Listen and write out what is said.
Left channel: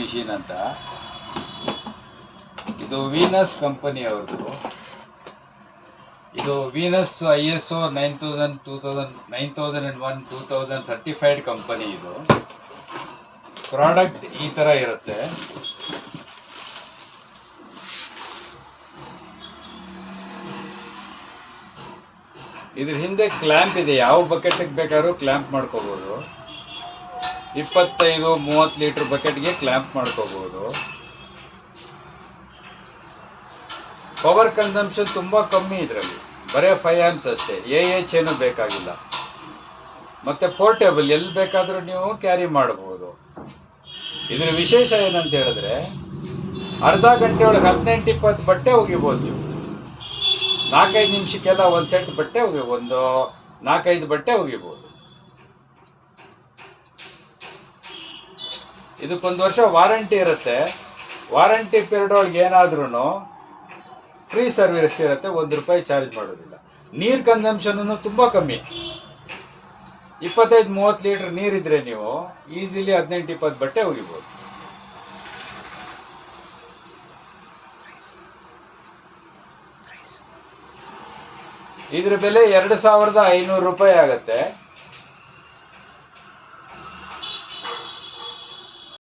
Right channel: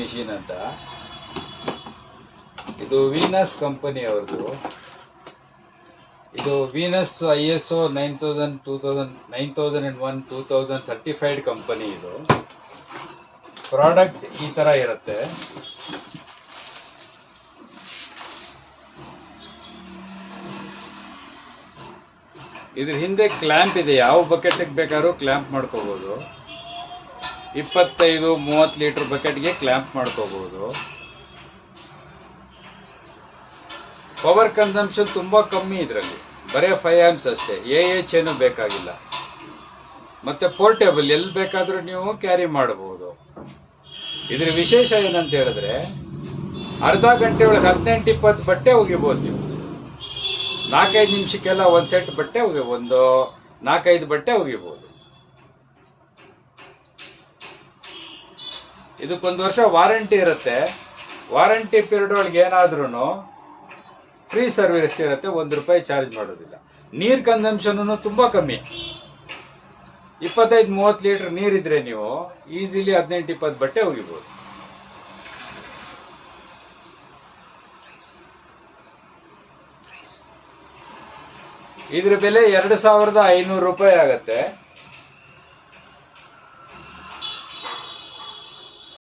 Machine ಅಂತ. ಇದು Venus company ಅವ್ರದ್ದು. ಇದು ವೀನಸ್ ISO 9001 2000 ಸರ್ಟಿಫೈಡ್ ಕಂಪನಿ. ಇದು ಪ್ರಾಡಕ್ಟ್ ಈ ತರ ಇರುತ್ತೆ. ಇದ್ರ ಹಿಂದೆ ಕ್ಲ್ಯಾಂಪ್ ಇದೆ, ಯಾವ ಬಕೆಟ್ಗೆ ಬೇಕಾದ್ರೂ ಕ್ಲ್ಯಾಂಪ್ ಮಾಡ್ಕೋಬಹುದು. 25-30 ಲೀಟರ್ ಬಕೆಟ್ಗೆ ಕ್ಲ್ಯಾಂಪ್ ಮಾಡ್ಕೋಬಹುದು. ಪವರ್ ಕನ್ಸಂಪ್ಷನ್ ತುಂಬಾ ಕಮ್ಮಿ ಇದರಲ್ಲಿ, ಬರೇ 5 ಆಂಪ್ಸ್ ಅಷ್ಟೇ. ಏನು ಬೇಕಾಗಿಲ್ಲ. ಮತ್ತೆ ಪೋರ್ಟೇಬಲ್, ಎಲ್ಲಿ ಬೇಕಾದ್ರೂ ನೀವು ಕ್ಯಾರಿ ಮಾಡಬಹುದು. ಇದ್ರ ವಿಶೇಷ ಏನಂತ ಹೇಳಿದ್ರೆ ಅರ್ಧ ಗಂಟೆ ಒಳಗೆ 18-20 ಬಟ್ಟೆ ಒಗಿಬಹುದು ನೀವು. 4-5 ನಿಮಿಷಕ್ಕೆಲ್ಲ ಒಂದು ಸೆಟ್ ಬಟ್ಟೆ ಒಂದು 4-5 ಬಟ್ಟೆ ಒಗಿಬಹುದು. ಇದಕ್ಕೊಂದು ವರ್ಷ ವಾರಂಟಿ ಇರುತ್ತೆ. ವಾರಂಟಿ ಪೀರಿಯಡ್ ಒಳಗೆ ಏನಾದ್ರೂ ಫ್ರೀ ಸರ್ವಿಸ್ ಇರುತ್ತೆ, ₹1 ಚಾರ್ಜ್ ಮಾಡೋದಿಲ್ಲ. ನೀರ್ ಕನ್ಸಂಪ್ಷನ್ ತುಂಬಾ ಕಮ್ಮಿ. 25-30 ಲೀಟರ್ ನೀರಿದ್ರೆ ನೀವು ಈಸಿಲಿ 18-20 ಬಟ್ಟೆ ಒಗಿಬಹುದು. ಇದ್ರ ಬೆಲೆ ₹2500 ಆಗತ್ತೆ.